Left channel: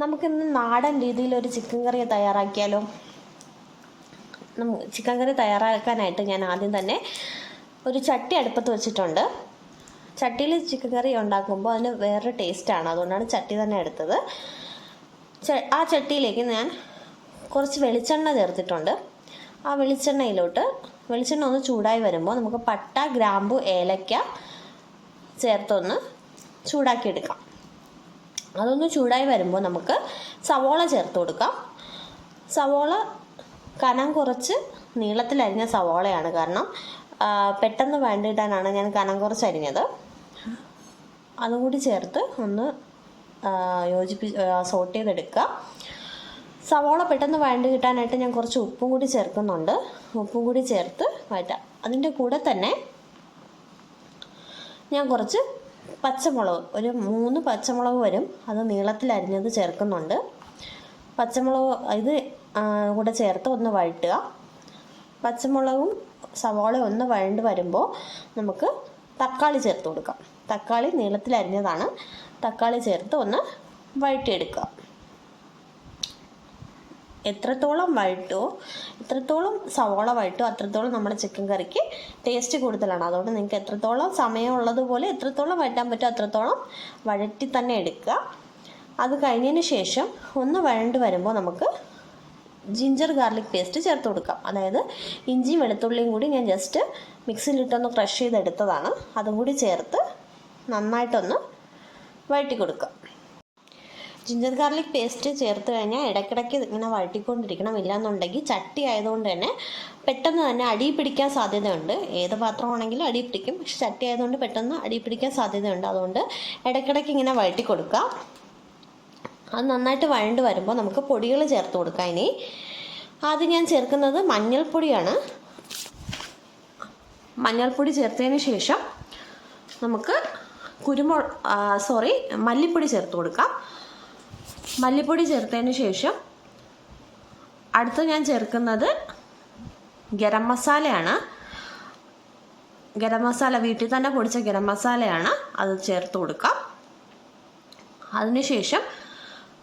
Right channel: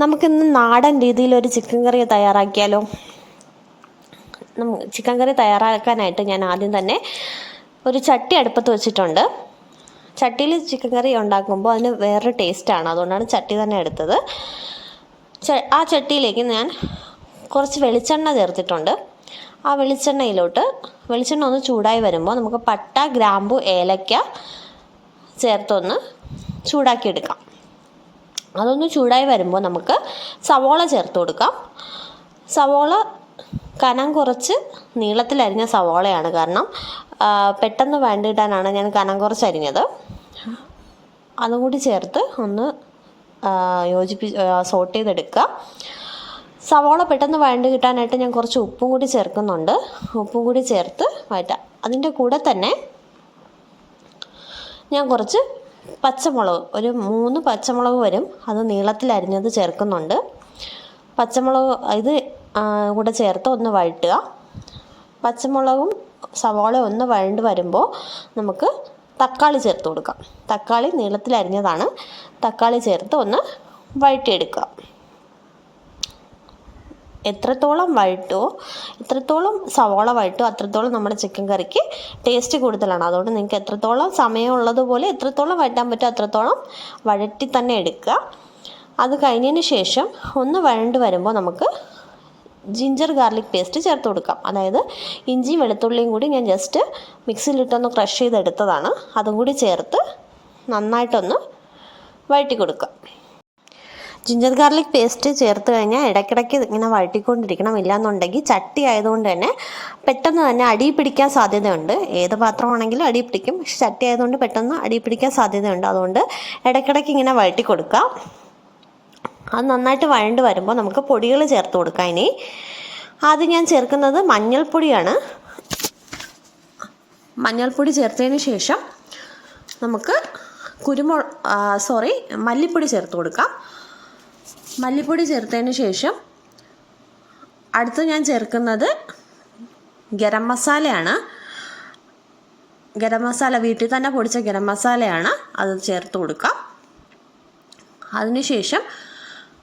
നമുക്കിന്ന് നാടൻ രീതിയിൽ ഒരു ചിക്കൻ കറി തയ്യാറാക്കിയാലോ? ചിക്കൻ കറി തയ്യാറാക്കാനായിട്ട് ഞാൻ ആദ്യം തന്നെ ഒരു ചട്ടി അടുപ്പത്ത് വെച്ചിട്ടുണ്ട്. ചട്ടിയിൽ ചിക്കൻ കറി ഉണ്ടാക്കുമ്പോൾ അതിന് വേറൊരു ടേസ്റ്റാണ് അതുകൊണ്ടാണ് ചട്ടി തന്നെ എടുത്തത്. ആ ചട്ടിയിലേക്ക് ഞാൻ കുറച്ച് വെളിച്ചെണ്ണ ചേർത്തിട്ടുണ്ട്. ആ വെളിച്ചെണ്ണയിലോട്ട് വെളിച്ചെണ്ണ ഒന്ന് ചൂടായി വരുമ്പോൾ നമുക്ക് പട്ട ഗ്രാമ്പു ഏലക്ക ചേർത്തൊന്ന് ചൂടാക്കിയെടുക്കാം. അതൊന്ന് ചൂടായി വരുമ്പോൾ നമുക്ക് സവോള ചേർത്ത് കൊടുക്കാം. സവോള കനം കുറച്ച് നീളത്തിൽ അരിഞ്ഞ സവോളയാണ് കാരണം പെട്ടെന്ന് വേണ്ടിയിട്ടാണ് ഞാൻ കനം കുറച്ച് അരിഞ്ഞത്. അതും കൂടി ചേർത്ത് ഒന്ന് യോജിപ്പി സോട്ട് ചെയ്തെടുക്കുക. സവോള പെട്ടെന്ന് വഴണ്ട് കിട്ടാനായിട്ട് ഞാൻ കുറച്ച് ഉപ്പും കൂടി ചേർക്കുന്നുണ്ട്. ഉപ്പും കൂടി ചേർത്ത് വഴറ്റാം. അതിന്റെ കൂടെ തന്നെ ഞാൻ കുറച്ച് പച്ചമുളക്. ഒരു മൂന്ന് പച്ചമുളക് വരും. അത് നീളത്തിൽ അരിഞ്ഞത് ചേർക്കുന്നുണ്ട്. പച്ചമുളക് ഇത് കൂടെ ചേർത്ത് ഒന്ന് വഴറ്റുക. പച്ചമുളകും സവാള ഒന്ന് വഴണ്ട് വരുമ്പോൾ നമുക്ക് തക്കാളി ചേർത്ത് കൊടുക്കാം. തക്കാളി നീളത്തിൽ അരിഞ്ഞതാണ്. തക്കാളി ചേർത്ത് ഒന്ന് വഴറ്റിയെടുക്കുക. എത്രത്തോളം വഴറ്റുമോ എത്രത്തോളം സവോള വഴറ്റുമോ അത്രത്തോളം നമ്മുടെ ചിക്കൻ കറിക്ക് ടേസ്റ്റ് കൂടുതലാണ്. അതുകൊണ്ട് നിങ്ങൾക്ക് എത്രത്തോളം സമയമുള്ളതുപോലെ എത്രത്തോളം വഴറ്റാൻ പറ്റുമോ അത്രത്തോളം വഴറ്റി തന്നെ എടുക്കുക. അത് കഴിഞ്ഞതിന് ശേഷം ഒന്ന് വഴണ്ട് വരുമ്പോൾ നമുക്ക് ജിഞ്ചർ ഗാർലിക് പേസ്റ്റ് ചേർത്ത് കൊടുക്കാം. അതായത് ഇഞ്ചി വെളുത്തുള്ളിയും കൂടി ഞാൻ ജസ്റ്റ് മിക്സിയിലിട്ടൊന്ന് ക്രഷ് ചെയ്തെടുത്തതാണ്. അതും കൂടി ചേർത്ത് നന്നായിട്ടൊന്ന് വഴറ്റി കൊടുക്കുക. ജിഞ്ചർ ഗാർലിക് പേസ്റ്റ് ചേർത്ത് കഴിഞ്ഞാൽ ഇടയ്ക്കിടയ്ക്ക് ഇങ്ങനെ വഴറ്റിക്കൊണ്ടിരിക്കണം. ഇല്ലാന്നുണ്ടെങ്കിൽ ചട്ടി ആയതുകൊണ്ട് തന്നെ പെട്ടെന്ന് തന്നെ അടി പിടിക്കാൻ സാധ്യതയുണ്ട്. ഏത് പാത്രമാണെങ്കിലും അടി പിടിക്കും. പക്ഷെ ചട്ടി ആയതുകൊണ്ട് പെട്ടെന്ന് അടി പിടിക്കാൻ സാധ്യതയുണ്ട്. അതുകൊണ്ട് ഇടയ്ക്കിടയ്ക്ക് ഇങ്ങനെ വഴറ്റി കൊടുക്കുക അത് നന്നായിട്ട് വഴണ്ട് വരുമ്പോൾ നമുക്ക് പൊടികൾ ചേർത്ത് കൊടുക്കാം ഇനി. ആദ്യം ഞാൻ ചേർക്കുന്നത് മഞ്ഞൾപ്പൊടിയാണ്. മഞ്ഞൾപ്പൊടി ചേർത്തതിന് ശേഷം നമുക്ക് കുരുമുളക് സോറി മല്ലിപ്പൊടി ചേർത്ത് കൊടുക്കാം. മല്ലിപ്പൊടി ചേർത്തതിന് ശേഷം അടുത്ത് ഞാൻ ചേർക്കുന്നത് ഗരം മസാലയാണ്. ഗരം മസാല വീട്ടിൽ തന്നെ പൊടിച്ച ഗരം മസാലയാണ് അത് ചേർത്ത് കൊടുക്കാം. അതിനുശേഷം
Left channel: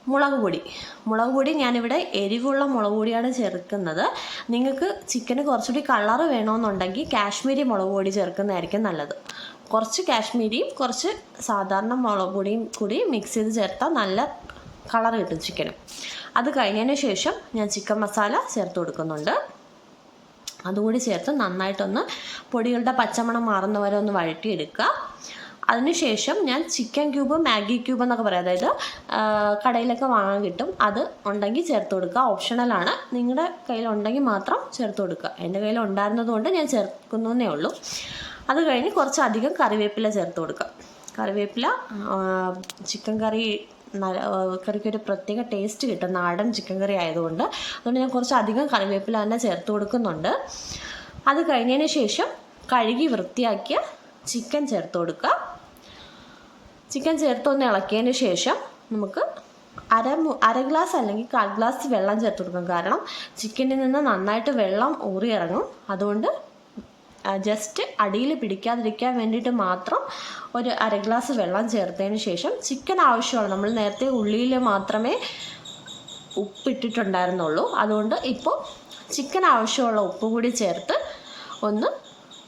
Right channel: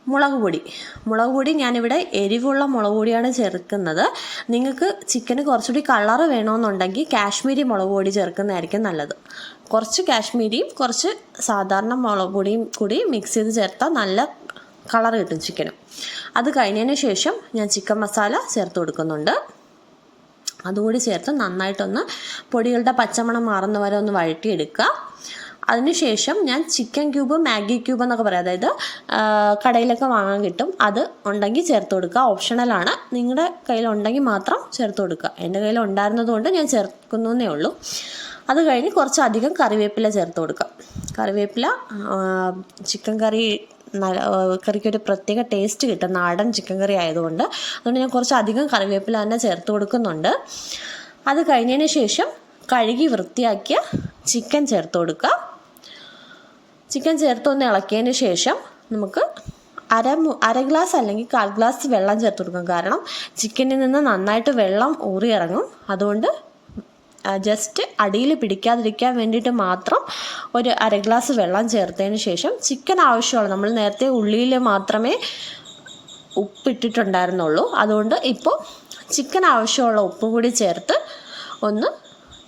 മുളക് പൊടി. മുളക് പൊടി ഞാനിവിടെ എരിവുള്ള മുളക് പൊടിയാണ് ചേർക്കുന്നത്. നിങ്ങൾക്ക് ചിക്കന് കുറച്ചുകൂടി കളറ് വേണമെന്നുണ്ടെങ്കിൽ കാശ്മീരി മുളക് പൊടി ചേർക്കുന്നതായിരിക്കും നല്ലത്. കുറച്ച് കാശ്മീരിയും കുറച്ച് സാധാരണ മുളക് പൊടിയും കൂടി മിക്സ് ചെയ്ത് ചേർത്താൽ നല്ല കളർ കിട്ടും ചിക്കന് അത് കഴിഞ്ഞതിന് ശേഷം ഞാൻ ചിക്കൻ മസാല ചേർത്ത് കൊടുക്കുന്നുണ്ട്. അതുകൂടി ചേർത്ത് നന്നായിട്ടൊന്ന് പൊടികളുടെ പച്ചമണം മാറുന്ന വരെ ഒന്ന് വഴറ്റിയെടുക്കുക. അതിനുശേഷം ഞാൻ ചിക്കൻ ക്യൂബ് മാഗി ക്യൂബ് എന്നൊക്കെ പറയാം. അതായത് കടയിലൊക്കെ വാങ്ങാൻ കിട്ടും. അത് ഉണ്ടെങ്കിൽ ചേർത്ത് കൊടുക്കുക. ഓപ്ഷണലാണ് നിങ്ങളുടെ കയ്യിലുണ്ടെങ്കിൽ മാത്രം ചേർത്ത് കൊടുക്കുക. എന്റെ കയ്യിൽ ഉണ്ടായിരുന്നതുകൊണ്ട് ഞാൻ ചേർക്കുന്നേ ഉള്ളൂ. അത് കഴിഞ്ഞ് കുറച്ചധികം കറിവേപ്പില ചേർത്ത് കൊടുക്കുക. കറിവേപ്പില ചിക്കൻ കറി കറിക്കൊരു പ്രത്യേക ടേസ്റ്റ് കിട്ടും. നാടൻ ചിക്കൻ കറി ആയതുകൊണ്ട്. അതുകൊണ്ട് ഞാൻ കുറച്ച് അധികം കറിവേപ്പില തന്നെ ചേർത്ത് കൊടുക്കുന്നുണ്ട്. അത് കഴിഞ്ഞതിന് ശേഷം കഴുകി വൃത്തിയാക്കിയ ചിക്കൻ ചേർത്ത് കൊടുക്കുക. ചിക്കൻ ചേർത്തൊന്ന് ഇളക്കിയതിന് ശേഷം നമുക്ക് അര അര ഗ്ലാസ് അല്ലെങ്കിൽ കാൽ ഗ്ലാസ് വെള്ളം ചേർത്ത് കൊടുക്കാം. കാരണം ചിക്കനിൽ നിന്ന് നന്നായിട്ട് വെള്ളം ഊറിയിറങ്ങും. അതുകൊണ്ട് ജസ്റ്റ് അടിയിൽ പിടിക്കാതിരിക്കാൻ വേണ്ടിയിട്ട് മാത്രം ഒരു അര ഗ്ലാസ് വെള്ളം ചേർത്തതിന് ശേഷം ചിക്കൻ ആവശ്യമാണ്. നമ്മൾ നേരത്തെ ഉള്ളിയിൽ മാത്രമേ ഉപ്പിട്ടിട്ടുണ്ടായിരുന്നുള്ളൂ. അതുകൊണ്ട് ഇപ്പോൾ ചിക്കൻ ആവശ്യമുള്ള ഉപ്പ് കൂടി ചേർത്ത് ഒന്ന്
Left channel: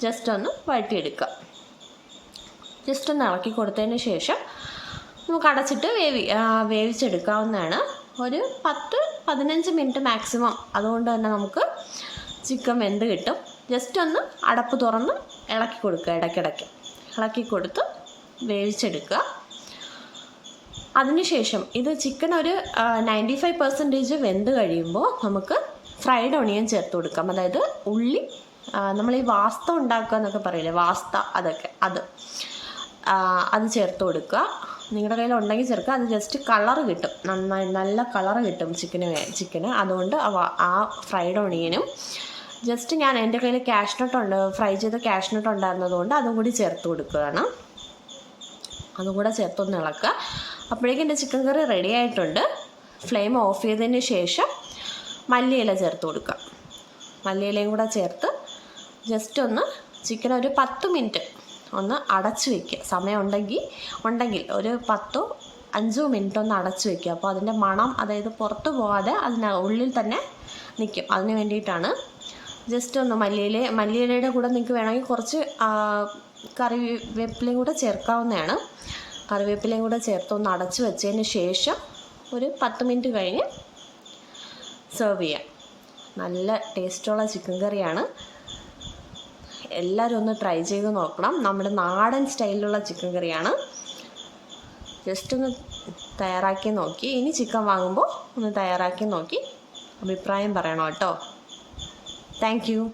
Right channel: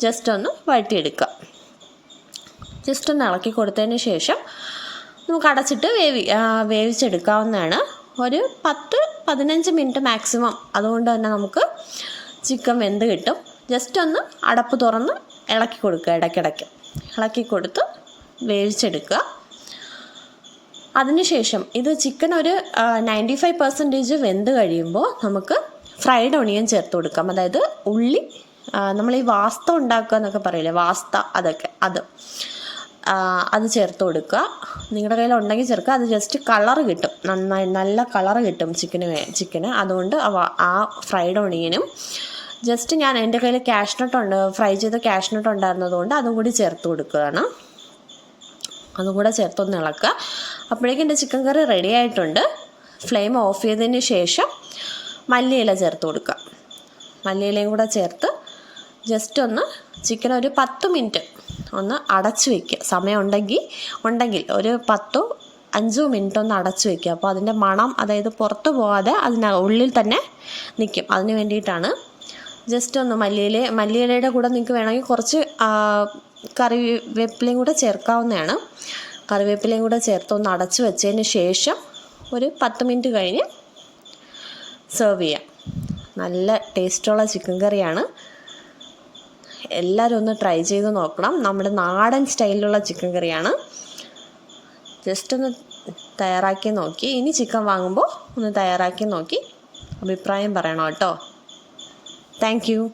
ജസ്റ്റ് ഒന്ന് വഴറ്റിയെടുക്കുക. ജസ്റ്റ് ഒന്ന് ഇളക്കി കൊടുത്തതിന് ശേഷം നമുക്ക് അടച്ചിട്ട് വേവി വേവിച്ചെടുക്കാവുന്നതാണ്. ഒരു പത്ത് പതിനഞ്ച് മിനിറ്റ് മാക്സിമം അതുകൊണ്ട് തന്നെ നമുക്ക് ചിക്കൻ വെന്ത് കിട്ടും. ജസ്റ്റ് ഒന്ന് അടപ്പ് തുറന്ന് ഇളക്കി കൊടുക്കുക ഇടയ്ക്കിടയ്ക്ക്. ഇളക്കി കൊടുത്ത് വേവിച്ചെടുക്കുക. അതിനുശേഷം ഇത് ചിക്കൻ ഒരു നയന്റി ഫൈവ് പെർസെന്റേജ് വെന്ത് കഴിയുമ്പോൾ നമുക്ക് ഫ്രൈഡ് ഒണിയൻ ചേർത്ത് കൊടുക്കാം. അതായത് ഉള്ളി നമ്മൾ ഈ വാസ്ത ഉണ്ടാക്കുക എന്നൊക്കെ പറയില്ലേ? വാസ്ത അതൊക്കെ അത്. അത് ചേർത്ത് കൊടുക്കുക. നിങ്ങളുടെ കയ്യിൽ ഉണ്ടെങ്കിൽ ചേർക്കുക. അത് ജസ്റ്റ് കളർ കിട്ടും. നന്നായി നല്ല കളർ കിട്ടും ചിക്കന് ചിക്കന് അതുകൊണ്ട് ആ ഫ്രൈഡ് ഒണിയനും ജസ്റ്റ് ഞാൻ എന്റെ കയ്യിൽ ക്യാഷ് ഉണ്ട് ഫ്രൈ ചെയ്ത നോട്ട് ഉണ്ടായിരുന്നതുകൊണ്ട് അതും കൂടി ചേർത്ത് കൊടുക്കുകയാണ്. അതും കൂടെ ചേർത്തൊന്ന് ഇളക്കുക. അപ്പോഴേക്കും എന്റെ ചിക്കൻ കറി റെഡി ആയിട്ടുണ്ട്. ഫ്ലെയിം ഓഫ് ചെയ്തതിന് ശേഷം മല്ലിയില ചേർത്ത് കൊടുക്കുക. മല്ലിയിലയും കൂടെ ചേർത്ത് ജസ്റ്റ് ഒന്ന് ചിക്കൻ ഒരു പത്ത് മിനിറ്റ് ഒന്ന് അടച്ചു വയ്ക്കുക സമയം ഉണ്ടെങ്കിൽ ഉണ്ടെങ്കിൽ ഒരു പത്തോ അഞ്ചോ മിനിറ്റ് ഒന്ന് അടച്ചു വയ്ക്കുക അപ്പോൾ അതിന്റെ മണം അതായത് പുറത്ത് പോകാതെ അതിന ഉള്ളിൽ തന്നെ നിൽക്കും. അതിന് വേണ്ടിയിട്ടാണ് ജസ്റ്റ് ഒന്ന് മല്ലിയില മല്ലിയിലയുടെ കൂടെ നിങ്ങൾക്ക് വേണമെങ്കിൽ കുറച്ച് കറിവേപ്പിലയും കൂടെ ചേർക്കാവുന്നതാണ്. കറിവേപ്പിലയും കൂടെ ചേർത്ത് ഒന്ന് അടച്ച് വെച്ചതിന് ശേഷം ഒരു പത്ത് മിനിറ്റ് കഴിഞ്ഞ് സെർവ് ചെയ്യാം. നല്ല ടേസ്റ്റുള്ള ചിക്കൻ കറിയാണ്. എല്ലാവരും ഒന്ന് ട്രൈ ചെയ്ത് നോക്കണം. നമ്മുടെ നാടൻ സ്റ്റൈലിലുള്ള ചിക്കൻ കറിയാണ്. ജസ്റ്റ് ഒന്ന് തയ്യാറാക്കി നോക്കി. ഇനി ചിക്കൻ വാങ്ങുമ്പോൾ ഒന്ന് തയ്യാറാക്കി നോക്കി. അഭിപ്രായം പറയണം കേട്ടോ. Thank you.